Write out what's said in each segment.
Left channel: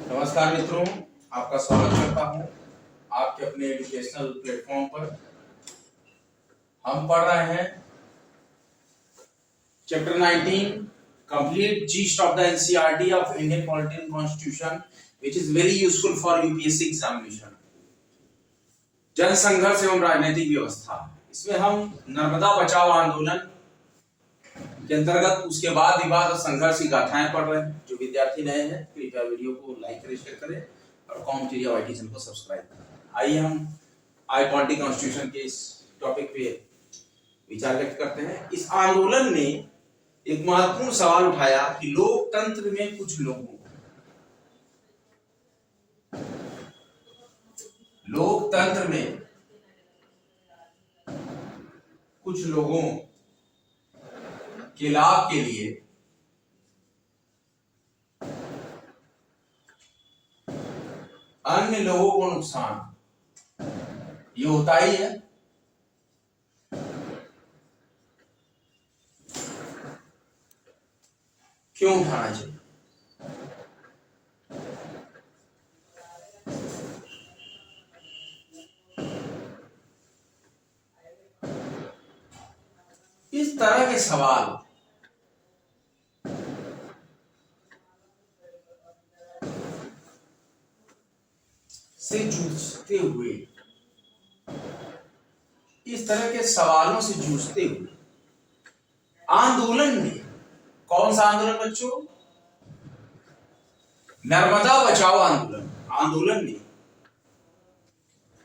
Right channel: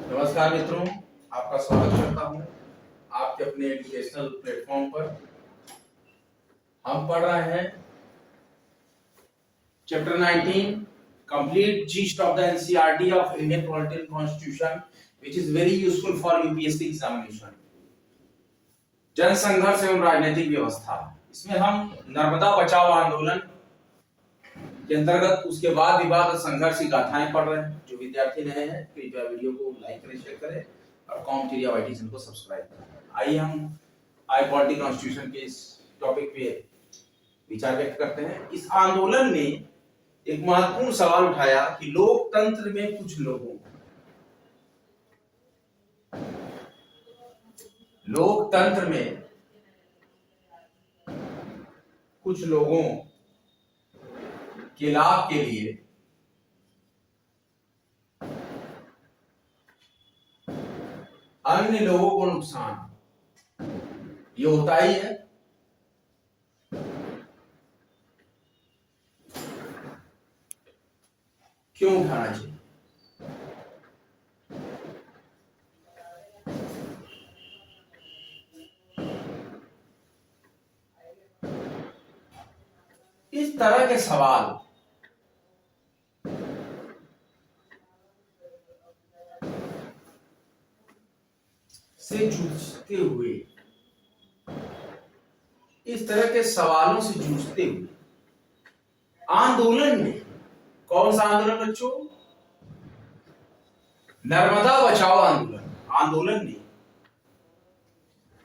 नमस्कार मित्रों, आपका स्वागत करता हूं आपके अपने एजुकेशनल प्लेटफॉर्म पर। हम पढ़ रहे हैं chapter 19 complete yeast of the NCERT of Indian political constitution which is very useful for UPSC examination. जन संघर्ष एवं राजनीतिक व्यवस्था, इसमें हम नर्मदा बचाओ आंदोलन के अंतर्गत उसके बाद विवाद और संघर्ष की गाथाएं पढ़ रहे हैं। जो विद्यार्थी नए हैं कृपया वीडियो को लाइक करें, शेयर करें और कॉम वाईटी चैनल को सब्सक्राइब करें। आइए हम आई पॉलिटिकल कॉन्स्टिट्यूशन के इस टॉपिक पे विचार व्यक्त करते हैं। इस आंदोलन ने एक महत्वपूर्ण सवाल उठाया कि लोकतंत्र में कुछ लोगों के लाभ के लिए अन्य लोगों को नुकसान ये होता ही है। क्यों उठाना चाहिए? इस तरह के सवाल से जूझते हुए, इस तरह के सवालों से जूझते हुए आंदोलन ने, कौन सा आंदोलन बच्चों? नर्मदा बचाओ आंदोलन ने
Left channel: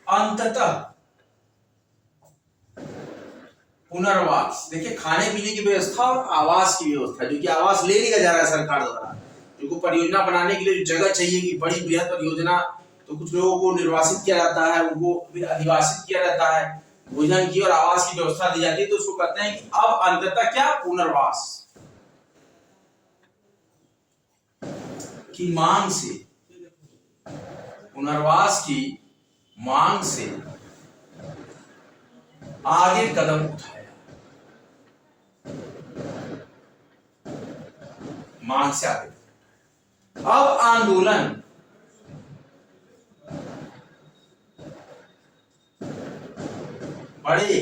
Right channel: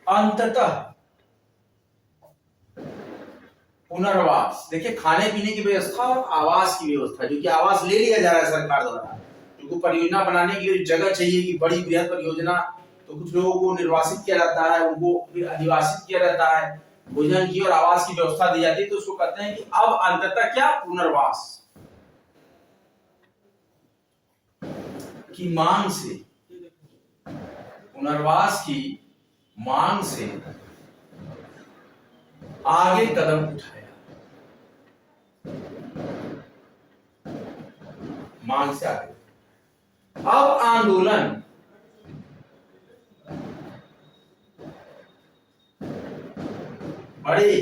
अंततः पुनर्वास, देखिए खाने पीने की व्यवस्था और आवास की व्यवस्था, जो कि आवास ले लिया जा रहा है सरकार द्वारा, जो परियोजना बनाने के लिए जगह चाहिए कि बड़ी बृहद परियोजना, तो कुछ लोगों को निर्वासित किया जाता है, उनको फिर अधिवासित किया जाता है, भोजन की और आवास की व्यवस्था दी जाती है, तो उसको कहते हैं कि अब अंततः क्या? पुनर्वास की मांग से, पुनर्वास की मांग से आगे कदम उठाया, मांग से आगे। अब आंदोलन बड़े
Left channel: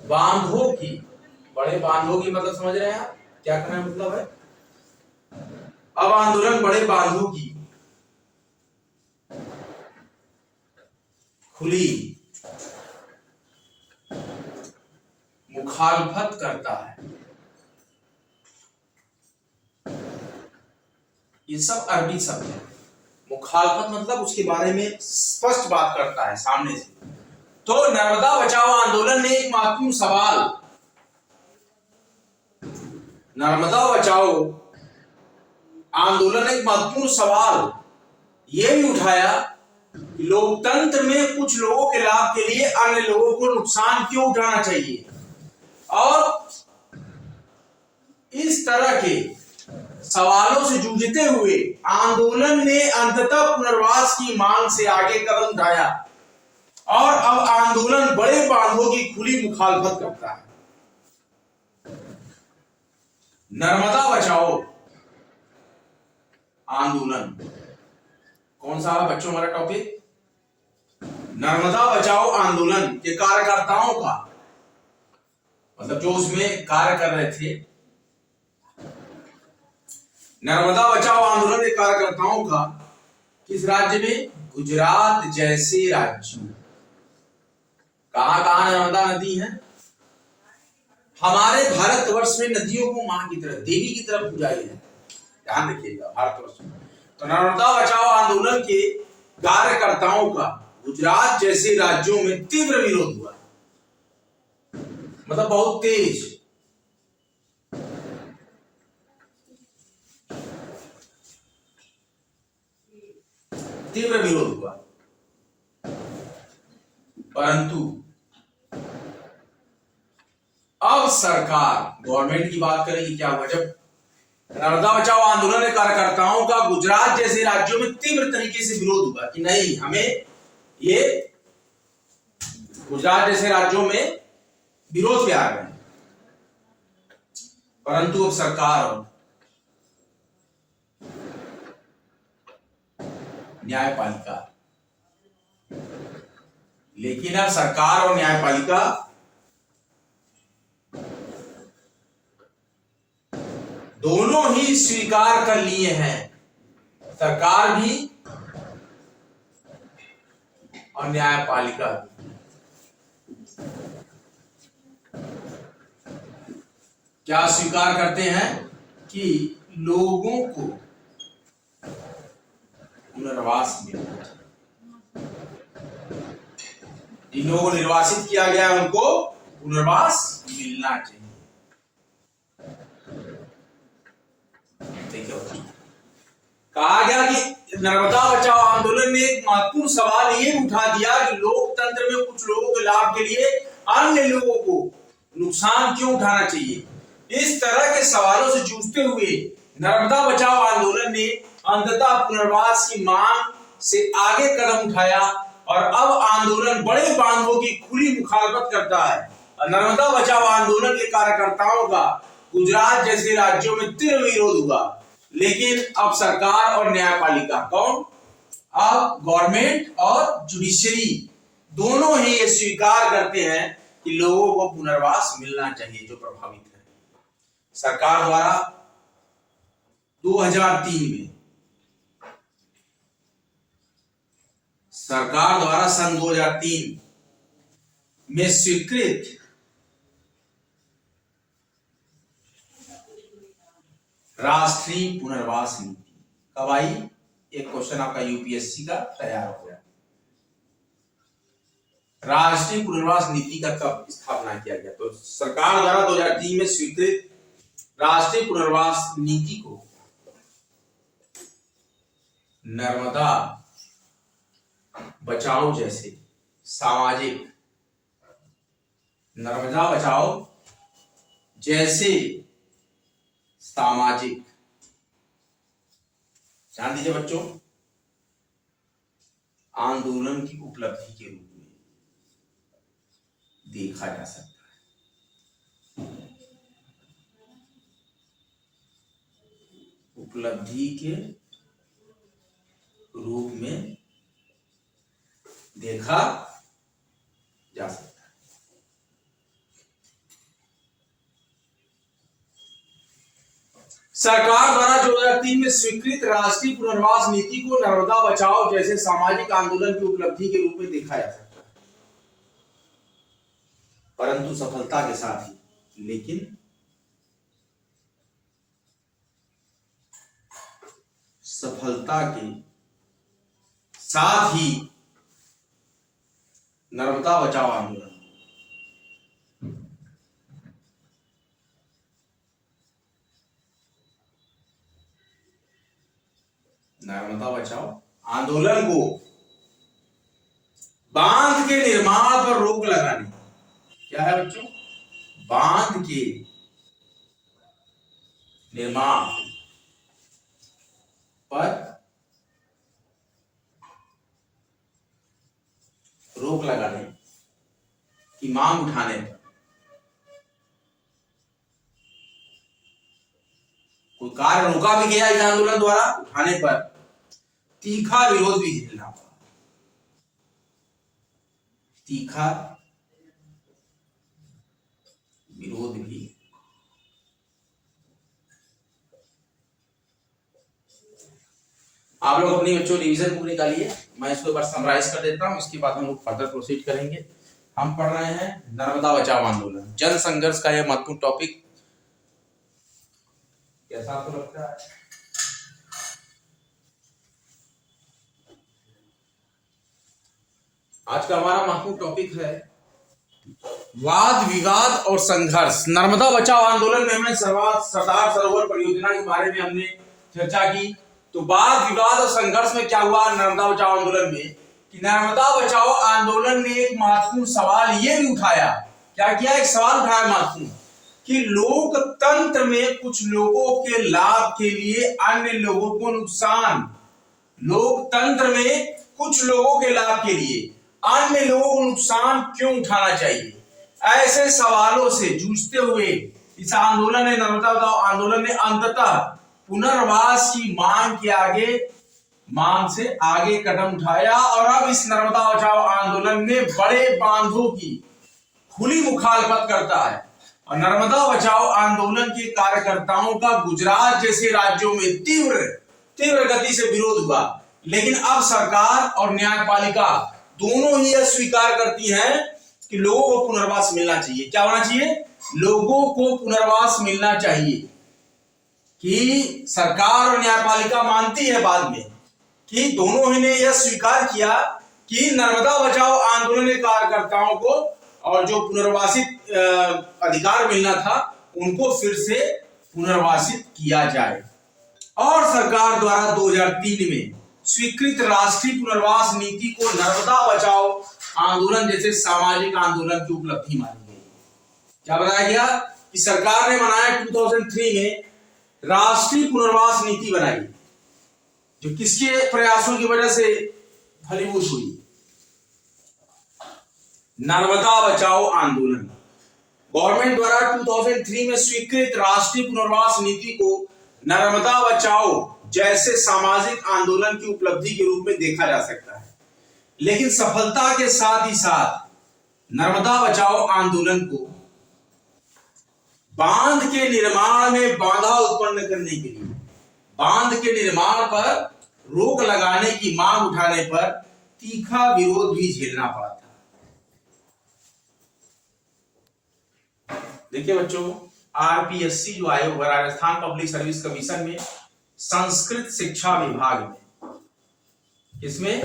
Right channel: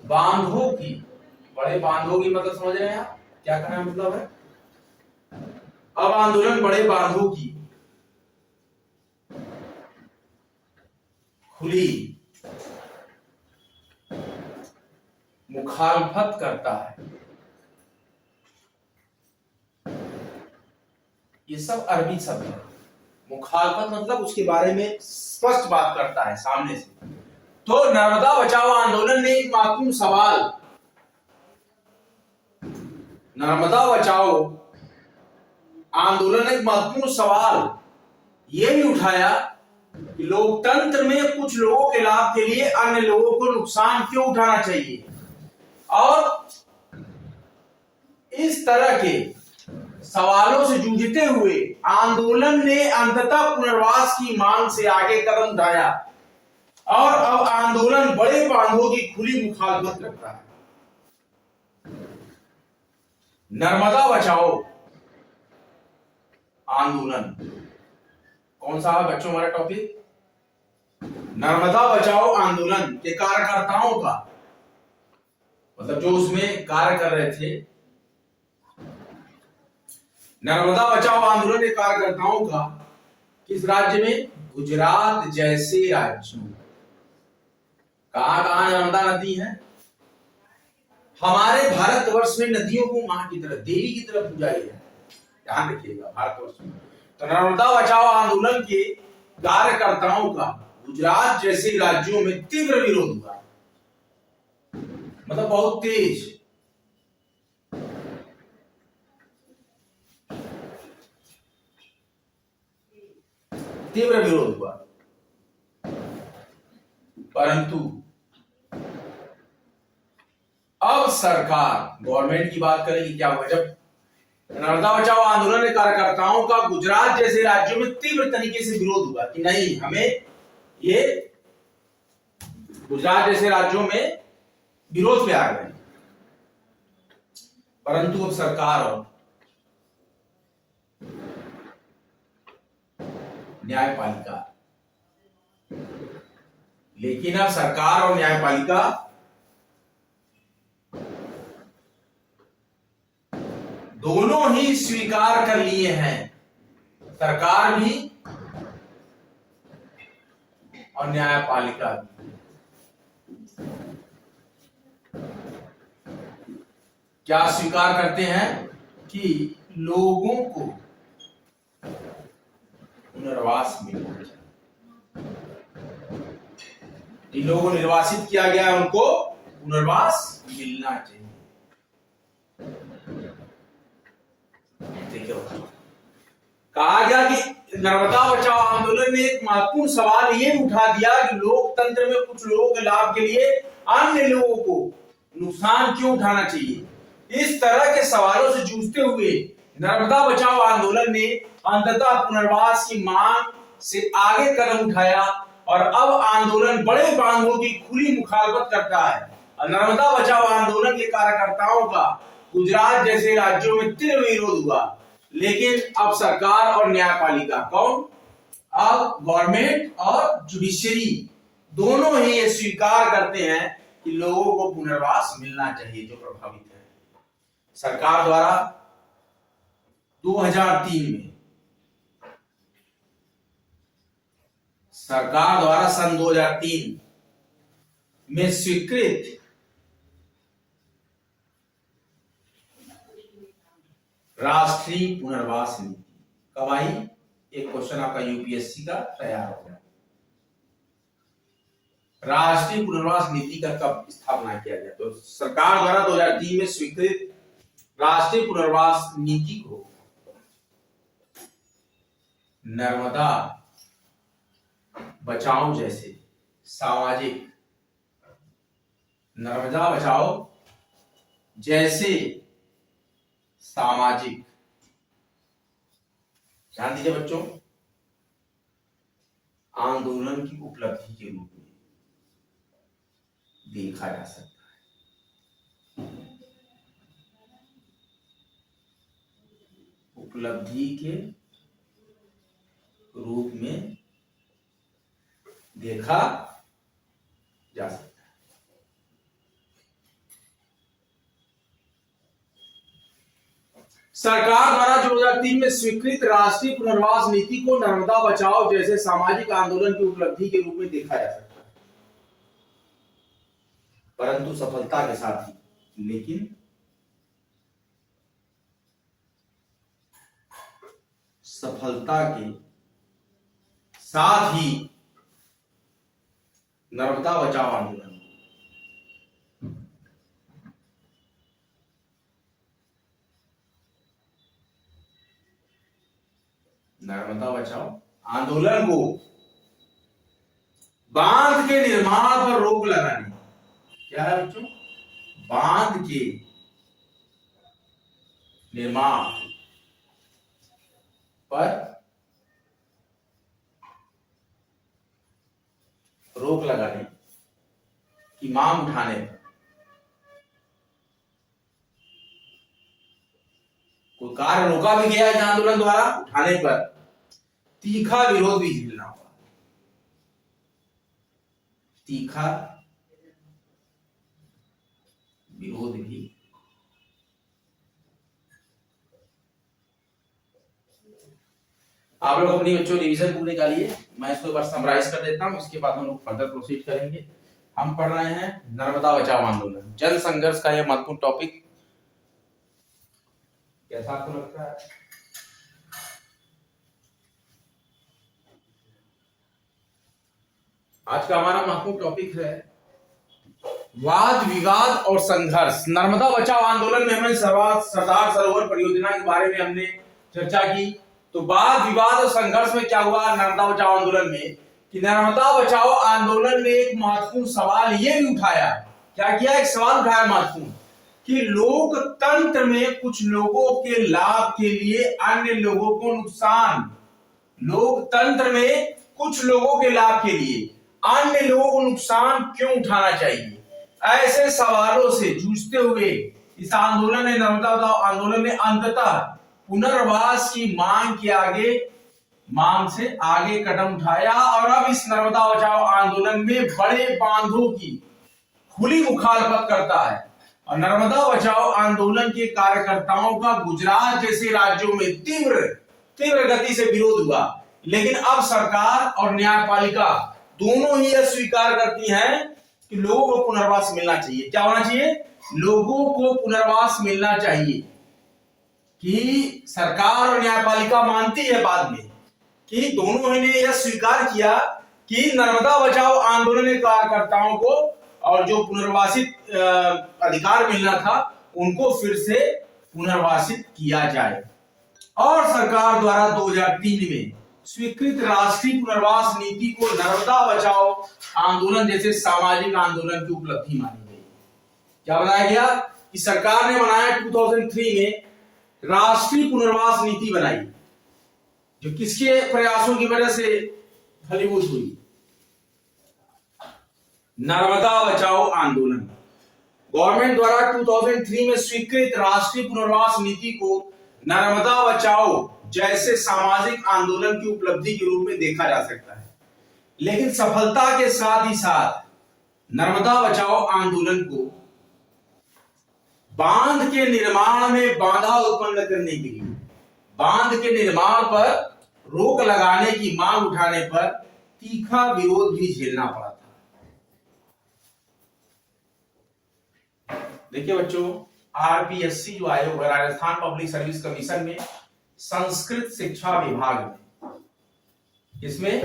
बांधों की मतलब समझ रहे हैं आप क्या कहना मतलब है? अब आंदोलन बड़े बांधों की खुली मुखालफत करता है। ये सब अरबी शब्द है। मुखालफत मतलब उसके बारे में स्पष्ट बात करता है सामने से। तो नर्मदा बचाओ आंदोलन ने एक महत्वपूर्ण सवाल, नर्मदा बचाओ आंदोलन ने एक महत्वपूर्ण सवाल यह भी उठाया कि लोकतंत्र में कुछ लोगों के लाभ के लिए अन्य लोगों को नुकसान क्यों उठाना चाहिए। और इस तरह के सवालों से जूझते हुए आंदोलन ने अंततः पुनर्वास की मांग से आगे कदम उठाया और अब आंदोलन बड़े बांधों की खुली मुखालफत करता है। नर्मदा बचाओ आंदोलन कौन सा है बच्चों हमारा टॉपिक? नर्मदा बचाओ आंदोलन के कार्यकर्ताओं का, मतलब जो उसमें कार्य कर रहे थे, नर्मदा बचाओ आंदोलन के कार्यकर्ताओं का किस राज्य में? गुजरात जैसे राज्यों। कहां कहां नर्मदा नदी है? हमारे भारतवर्ष में नदियों को मां की तरह, देवी की तरह पूजा है, ध्यान रखिएगा भारतवर्ष में। तो नर्मदा बचाओ आंदोलन के कार्यकर्ताओं का गुजरात जैसे राज्यों में तीव्र विरोध हुआ, मतलब बहुत तेज। तीव्र विरोध हुआ, परंतु अब सरकार, गवर्नमेंट की बात करेगी क्या हुआ जब नर्मदा बचाओ आंदोलन के कार्यकर्ताओं का गुजरात जैसे राज्यों में तीव्र तरीके से विरोध हुआ कि नहीं, हमें ये गुजरात जैसे राज्यों में विरोध पे आ गए। परंतु अब सरकार न्यायपालिका। लेकिन अब सरकार और न्यायपालिका दोनों ही स्वीकार कर लिए हैं, सरकार भी और न्यायपालिका भी। क्या स्वीकार करते हैं कि लोगों को पुनर्वास मिलना चाहिए, जिन लोगों को निर्वासित किया गया है उनको पुनर्वास मिलना चाहिए। देखिए, कहा गया कि नर्मदा बचाओ आंदोलन ने एक महत्वपूर्ण सवाल ये उठा दिया कि लोकतंत्र में कुछ लोगों के लाभ के लिए अन्य लोगों को नुकसान क्यों उठाना चाहिए। इस तरह के सवालों से जूझते हुए नर्मदा बचाओ आंदोलन ने अंततः पुनर्वास की मांग से आगे कदम उठाया और अब आंदोलन बड़े बांधों की खुली मुखालफत करता है। नर्मदा बचाओ आंदोलन के कार्यकर्ताओं का गुजरात जैसे राज्यों में तीव्र विरोध हुआ, लेकिन अब सरकार और न्यायपालिका, कौन, अब गवर्नमेंट और जुडिशरी दोनों ही ये स्वीकार करते हैं कि लोगों को पुनर्वास मिलना चाहिए जो प्रभावित है। सरकार द्वारा 2003 में, सरकार द्वारा सन 2003 में स्वीकृत राष्ट्रीय पुनर्वास नीति कब आई? एक क्वेश्चन आपका यूपीएससी का तैयार हो गया। राष्ट्रीय पुनर्वास नीति का कब स्थापना किया गया? तो सरकार द्वारा 2003 में स्वीकृत राष्ट्रीय पुनर्वास नीति को नर्मदा बचाओ जैसे सामाजिक, नर्मदा बचाओ जैसे सामाजिक, ध्यान दीजिए बच्चों, आंदोलन की उपलब्धि के रूप में देखा जा सकता है। उपलब्धि के रूप में देखा जा सकता है। सरकार द्वारा 2003 में स्वीकृत राष्ट्रीय पुनर्वास नीति को नर्मदा बचाओ जैसे सामाजिक आंदोलन की उपलब्धि के रूप में देखा जा सकता है, परंतु सफलता के साथ ही, लेकिन सफलता के साथ ही नर्मदा बचाओ आंदोलन नर्मदा बचाओ आंदोलन को बांध के निर्माण पर रोक लगाने, क्या है बच्चों, बांध के निर्माण पर रोक लगाने की मांग उठाने पर कोई कार्य रोका भी गया इस आंदोलन द्वारा उठाने पर तीखा विरोध भी झेलना पड़ा। तीखा विरोध भी आप लोग अपनी बच्चों रिवीजन पूरी निकालिए। मैं इसको एक बार समराइज कर देता हूं, इसके बाद हम लोग फर्दर प्रोसीड करेंगे। हम पढ़ रहे हैं नर्मदा बचाओ आंदोलन, जन संघर्ष का यह महत्वपूर्ण टॉपिक। कैसा आपको लगता है? आज का हमारा महत्वपूर्ण टॉपिक है वाद विवाद और संघर्ष। नर्मदा बचाओ आंदोलन में हमने सरदार सरोवर परियोजना के बारे में हमने चर्चा की। तो वाद विवाद और संघर्ष में क्या हुआ नर्मदा बचाओ आंदोलन में, कि नर्मदा बचाओ आंदोलन ने एक महत्वपूर्ण सवाल ये भी उठाया। क्या किया? एक सवाल उठाया महत्वपूर्ण, कि लोकतंत्र में कुछ लोगों के लाभ के लिए अन्य लोगों को नुकसान, लोकतंत्र में कुछ लोगों के लाभ के लिए अन्य लोगों को नुकसान क्यों उठाना चाहिए। ऐसे सवालों से जूझते हुए इस आंदोलन ने, नर्मदा बचाओ आंदोलन ने अंततः पुनर्वास की मांग के आगे मांग से आगे कदम उठाया और अब इस नर्मदा बचाओ आंदोलन में बड़े बांधों की खुली मुखालफत करता है। और नर्मदा बचाओ आंदोलन के कार्यकर्ताओं का गुजरात जैसे राज्यों में तीव्र गति से विरोध हुआ, लेकिन अब सरकार और न्यायपालिका दोनों ही यह स्वीकार करती हैं कि लोगों को पुनर्वास मिलना चाहिए। क्या होना चाहिए? लोगों को पुनर्वास मिलना चाहिए। कि सरकार और न्यायपालिका मानती है बाद में कि दोनों ने यह स्वीकार किया कि नर्मदा बचाओ आंदोलन के कार्यकर्ताओं को और जो पुनर्वासित अधिकार मिलना था उनको फिर से पुनर्वासित किया जाए। और सरकार द्वारा 2003 में स्वीकृत राष्ट्रीय पुनर्वास नीति को नर्मदा बचाओ आंदोलन जैसे सामाजिक आंदोलन की उपलब्धि मानी गई। क्या बताया गया कि सरकार ने बनाया 2003 में राष्ट्रीय पुनर्वास नीति बनाई, जो किसके प्रयासों की वजह से फलीभूत हुई? नर्मदा बचाओ आंदोलन। गवर्नमेंट द्वारा 2003 में स्वीकृत राष्ट्रीय पुनर्वास नीति को नर्मदा बचाओ जैसे सामाजिक आंदोलन की उपलब्धि के रूप में देखा जा सकता है। लेकिन सफलता के साथ ही साथ नर्मदा बचाओ आंदोलन को बांध के निर्माण में बाधा उत्पन्न करने के लिए, बांध के निर्माण पर रोक लगाने की मांग उठाने पर तीखा विरोध भी झेलना पड़ा था। देखिए बच्चों, आरपीएससी जो आयोग है, राजस्थान पब्लिक सर्विस कमीशन में संस्कृत शिक्षा विभाग में, इसमें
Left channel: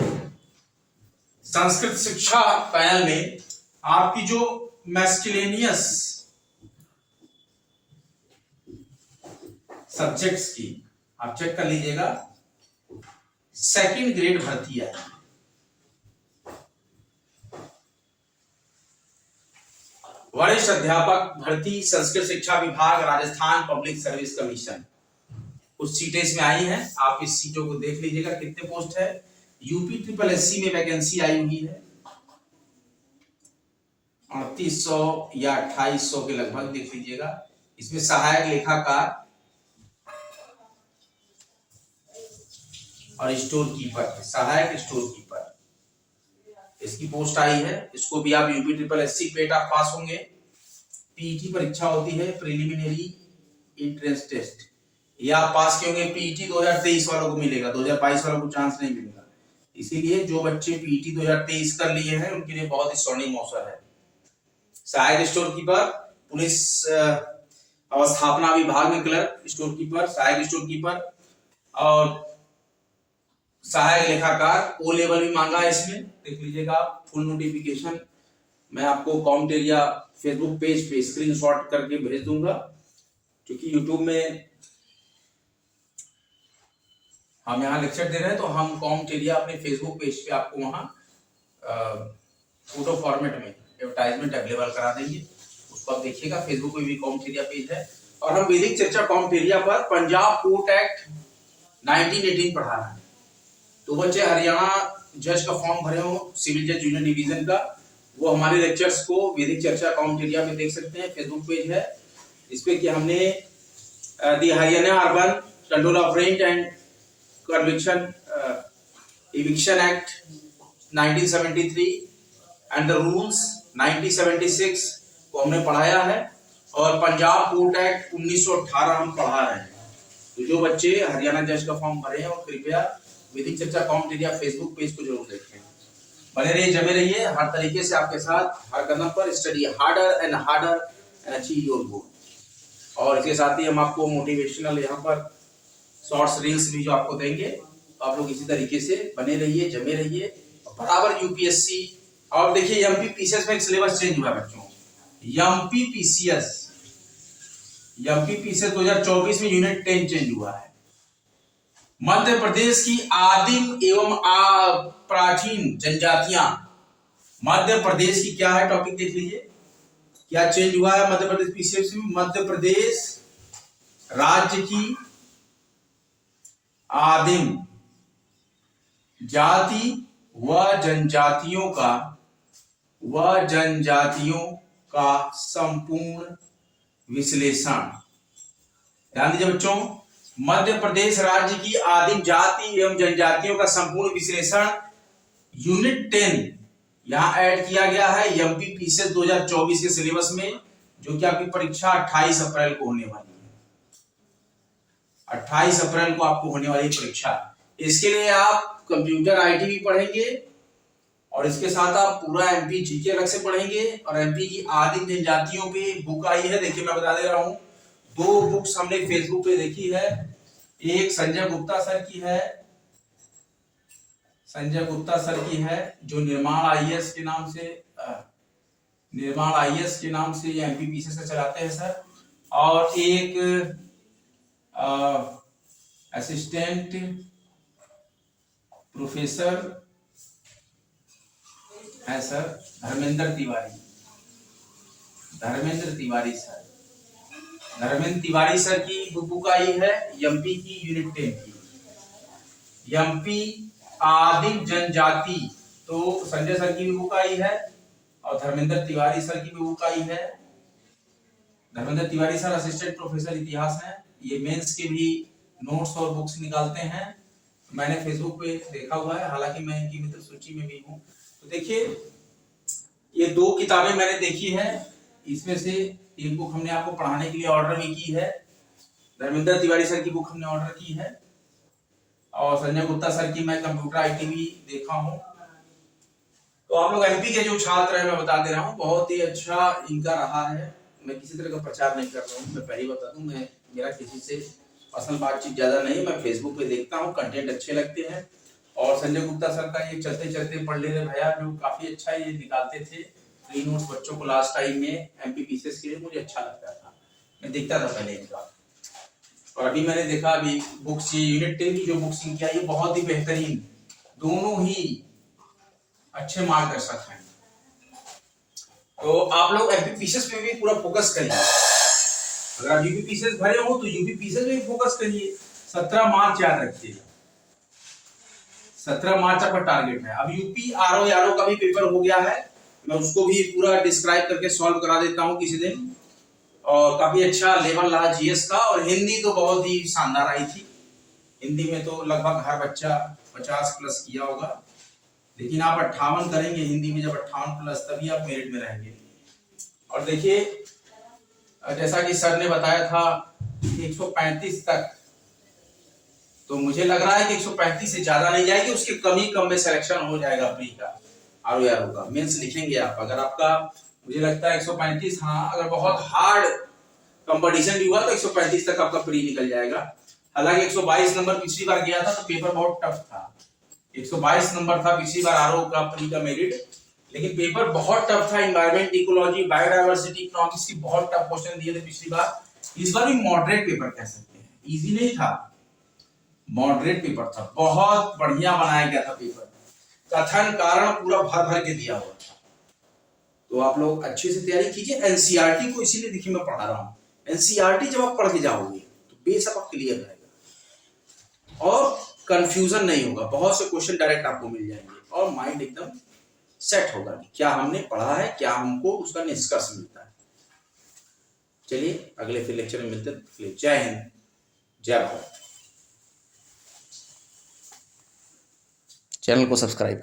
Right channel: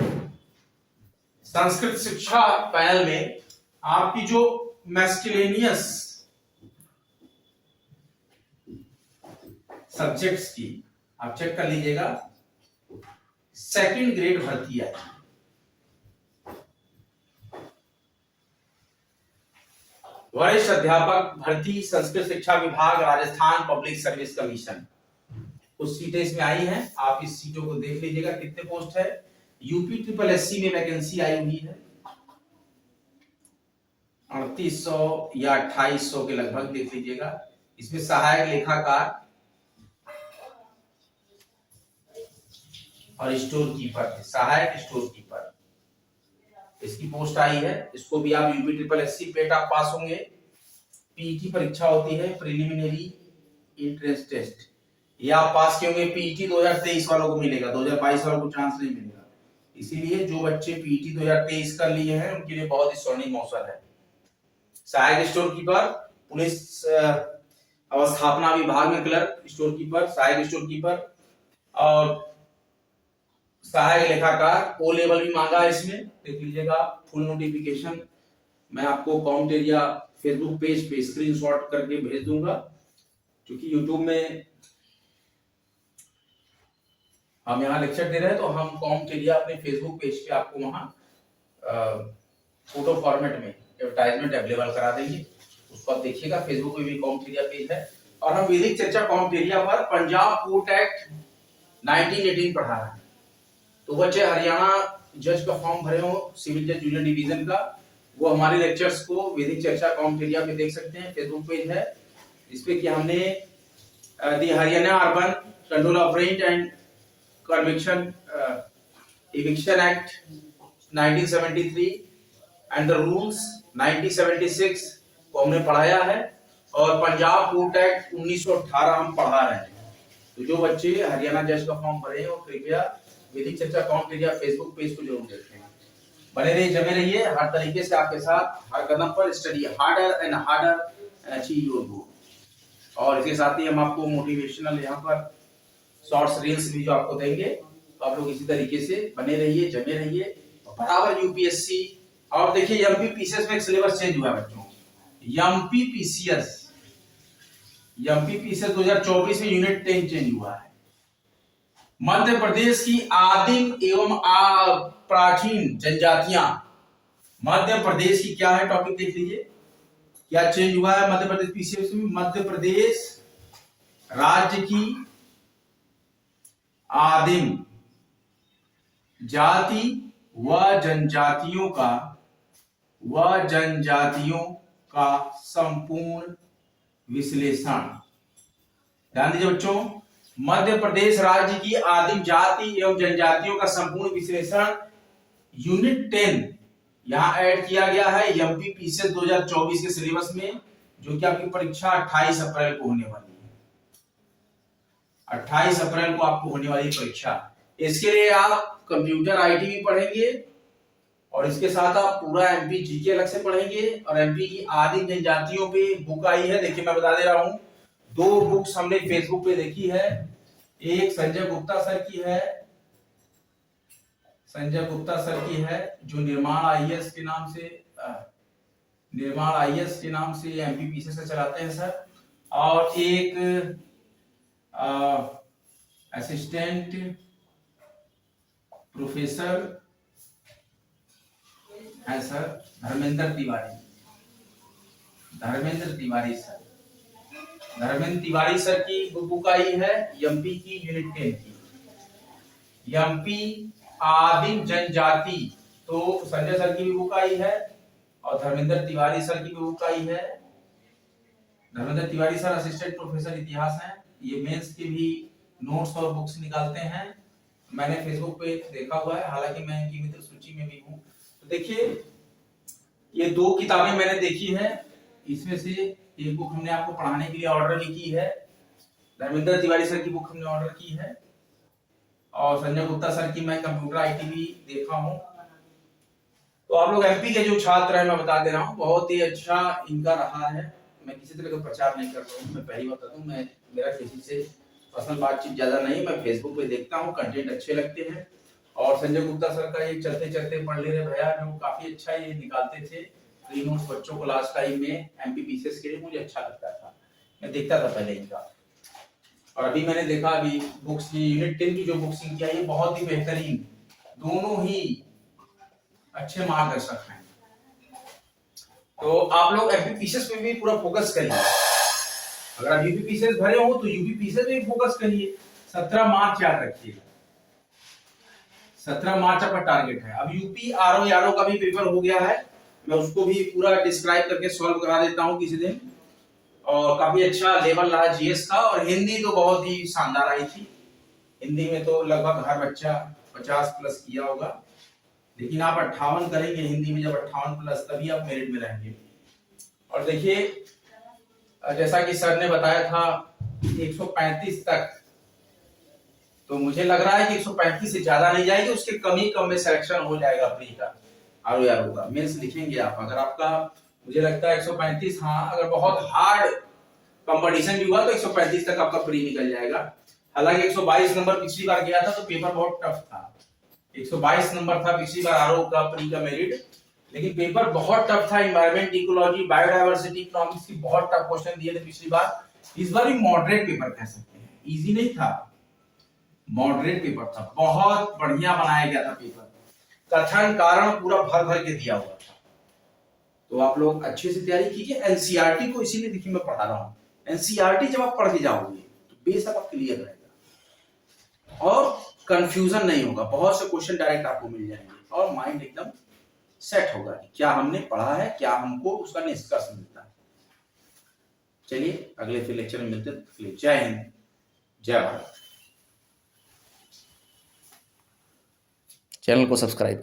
संस्कृत शिक्षा पैनल में आपकी जो मैस्किलेनियस सब्जेक्ट्स की आप चेक कर लीजिएगा, 2nd ग्रेड भर्ती आई। वरिष्ठ अध्यापक भर्ती संस्कृत शिक्षा विभाग राजस्थान पब्लिक सर्विस कमीशन, कुछ सीटें इसमें आई हैं। आप इस सीटों को देख लीजिएगा कितने पोस्ट है। यूपी ट्रिपल एससी में वैकेंसी आई हुई है 3800 या 2800 के लगभग, देख लीजिएगा। इसमें सहायक लेखाकार और स्टोर कीपर, सहायक स्टोर कीपर, इसकी पोस्ट आई है। इसको भी आप यूपी ट्रिपल एससी पेट आप पास होंगे। पीईटी परीक्षा होती है, प्रिलिमिनरी एंट्रेंस टेस्ट, ये आप पास किए होंगे। पीईटी 2023 वालों को मिलेगा, 2022 वालों को चांस नहीं मिलेगा। इसीलिए जो बच्चे पीईटी 2023 कर लिए हैं उनके लिए बहुत ही स्वर्णिम अवसर है। सहायक स्टोर कीपर, पुलिस अवस्थापना विभाग में क्लर्क, स्टोर कीपर, सहायक स्टोर कीपर और सहायक लेखाकार। ओ लेवल भी मांगा है इसमें, देख लीजिएगा। फुल नोटिफिकेशन मैं आपको कॉम्ट एरिया फेसबुक पेज पे स्क्रीनशॉट करके भेज दूंगा, क्योंकि यूट्यूब में हम यहाँ लेक्चर दे रहे हैं तो हम कॉम्ट एरिया अपने फेसबुक पेज पे आपको वहाँ फोटो फॉर्मेट में एडवर्टाइजमेंट अवेलेबल करा देंगे, उसको आप देखिएगा। फेसबुक पे भी कॉम्ट एरिया पेज है। और हम वैदिक चर्चा कॉम्ट एरिया पर पंजाब कोर्ट एक्ट 1918 पढ़ा रहे हैं। तो बच्चे हरियाणा जज का फॉर्म भरे हो सिविल जज जूनियर डिवीजन का, वो हमारे लेक्चर्स को वैदिक चर्चा कॉम्ट एरिया पे देख सकते हैं। फेसबुक पेज है, इसपे कि हमने the Haryana urban control of rent and conviction eviction act 1973 and the rules 1976 को हमने पढ़ाया है, और पंजाब कोर्ट एक्ट 1918 हम पढ़ा रहे हैं। तो जो बच्चे हरियाणा जज का फॉर्म भरे हैं वो कृपया वैदिक चर्चा कॉम्ट एरिया फेसबुक पेज को जरूर देखें। बने रहिए, जमे रहिए, हर तरीके से आपके साथ हर कदम पर study harder and achieve your goal. और इसके साथ ही हम आपको मोटिवेशनल यहाँ पर शॉर्ट्स रील्स भी जो आपको देंगे, तो आप लोग इसी तरीके से बने रहिए, जमे रहिए बराबर। यूपीएससी और देखिए एमपी पीसीएस में एक सिलेबस चेंज हुआ है बच्चों। एमपी पीसीएस 2024 में यूनिट 10 चेंज हुआ है। मध्य प्रदेश की आदिम एवं प्राचीन जनजातियां, मध्य प्रदेश की क्या है टॉपिक देख लीजिए, क्या चेंज हुआ है मध्य प्रदेश पीसीएस में। मध्य प्रदेश राज्य की आदिम जाति व जनजातियों का संपूर्ण विश्लेषण। ध्यान दीजिए बच्चों, मध्य प्रदेश राज्य की आदिम जाति एवं जनजातियों का संपूर्ण विश्लेषण यूनिट 10 यहाँ ऐड किया गया है एमपीपीसीएस 2024 के सिलेबस में, जो कि आपकी परीक्षा 28 अप्रैल को होने वाली है। 28 अप्रैल को आपको होने वाली परीक्षा। इसके लिए आप कंप्यूटर आईटी भी पढ़ेंगे और इसके साथ आप पूरा एमपी जीके अलग से पढ़ेंगे। और एमपी की आदिम जनजातियों पे बुक आई है, देखिए मैं बता दे रहा हूं, 2 बुक्स हमने फेसबुक पे देखी है। एक संजय गुप्ता सर की है, संजय गुप्ता सर की है जो निर्माण आईएएस के नाम से एमपीपीसीएस का चलाते हैं सर। और एक असिस्टेंट प्रोफेसर है सर धर्मेंद्र तिवारी सर की बुक आई है एमपी की यूनिट 10 की, एमपी आदिम जनजाति। तो संजय सर की भी बुक आई है और धर्मेंद्र तिवारी सर की भी बुक आई है। Dharmendra Tiwari sir assistant professor इतिहास हैं, ये मेंस के भी नोट्स और बुक्स निकालते हैं। मैंने फेसबुक पे देखा हुआ है, हालांकि मैं इनकी मित्र सूची में भी हूँ। तो देखिए ये 2 किताबें मैंने देखी है, इसमें से एक बुक हमने आपको पढ़ाने के लिए ऑर्डर भी की है, धर्मेंद्र तिवारी सर की बुक हमने ऑर्डर की है और संजय गुप्ता सर की मैं कंप्यूटर आईटी भी देखा हूँ। तो आप लोग एमपी के जो छात्र हैं, मैं बता दे रहा हूँ, बहुत ही अच्छा इनका रहा है। मैं किसी तरह का प्रचार नहीं कर रहा हूँ, मैं पहले बता दूं, मेरा किसी से पर्सनल बातचीत ज्यादा नहीं, मैं फेसबुक पे देखता हूँ, कंटेंट अच्छे लगते हैं। और संजय गुप्ता सर का ये चलते चलते पढ़ ले रहे भैया, जो काफी अच्छा ये निकालते थे फ्री नोट्स बच्चों को लास्ट टाइम में एमपीपीसीएस के लिए, मुझे अच्छा लगता था, मैं देखता था पहले इनका। और अभी मैंने देखा अभी बुक्स यूनिट 10 की जो बुक्स इनकी आई है बहुत ही बेहतरीन, दोनों ही अच्छे मार्गदर्शक हैं। तो आप लोग एमपीपीसीएस पे भी पूरा फोकस करिए, अगर आप यूपीपीसीएस भरे हो तो यूपीपीसीएस पे भी फोकस करिए। 17 मार्च याद रखिएगा, 17 मार्च आपका टारगेट है। अब यूपी आरओ यारो का भी पेपर हो गया है, मैं उसको भी पूरा डिस्क्राइब करके सॉल्व करा देता हूं किसी दिन। और काफी अच्छा लेवल रहा जीएस का, और हिंदी तो बहुत ही शानदार आई थी। हिंदी में तो लगभग हर बच्चा 50 प्लस किया होगा, लेकिन आप 58 करेंगे हिंदी में, जब 58 प्लस तभी आप मेरिट में रहेंगे। और देखिए जैसा कि सर ने बताया था 135 तक, तो मुझे लग रहा है कि 135 से ज्यादा नहीं जाएगी, उसके कम में सिलेक्शन हो जाएगा प्री का, आरओ का मेंस लिखेंगे आप। अगर आपका मुझे लगता है 135, हाँ अगर बहुत हार्ड कंपटीशन भी हुआ तो 135 तक आपका प्री निकल जाएगा। हालांकि 122 नंबर पिछली बार गया था तो पेपर बहुत टफ था, 122 नंबर था पिछली बार आरओ का प्री का मेरिट, लेकिन पेपर बहुत टफ था। एनवायरमेंट, इकोलॉजी, बायोडायवर्सिटी, इकोनॉमिक्स की बहुत टफ क्वेश्चन दिए थे पिछली बार। इस बार भी मॉडरेट पेपर कह सकते हैं, इजी नहीं था, मॉडरेट पेपर था, बहुत बढ़िया बनाया गया था पेपर, कथन कारण पूरा भर भर के दिया हुआ था। तो आप लोग अच्छे से तैयारी कीजिए। एनसीईआरटी को इसीलिए देखिए मैं पढ़ा रहा हूँ, एनसीईआरटी जब आप पढ़ के जाओगे तो बेस आपका क्लियर रहेगा और कंफ्यूजन नहीं होगा, बहुत से क्वेश्चन डायरेक्ट आपको मिल जाएंगे और माइंड एकदम सेट होगा कि क्या हमने पढ़ा है, क्या हमको उसका निष्कर्ष मिलता है। चलिए अगले फिर लेक्चर में मिलते हैं। जय हिंद, जय भारत। चैनल को सब्सक्राइब करें।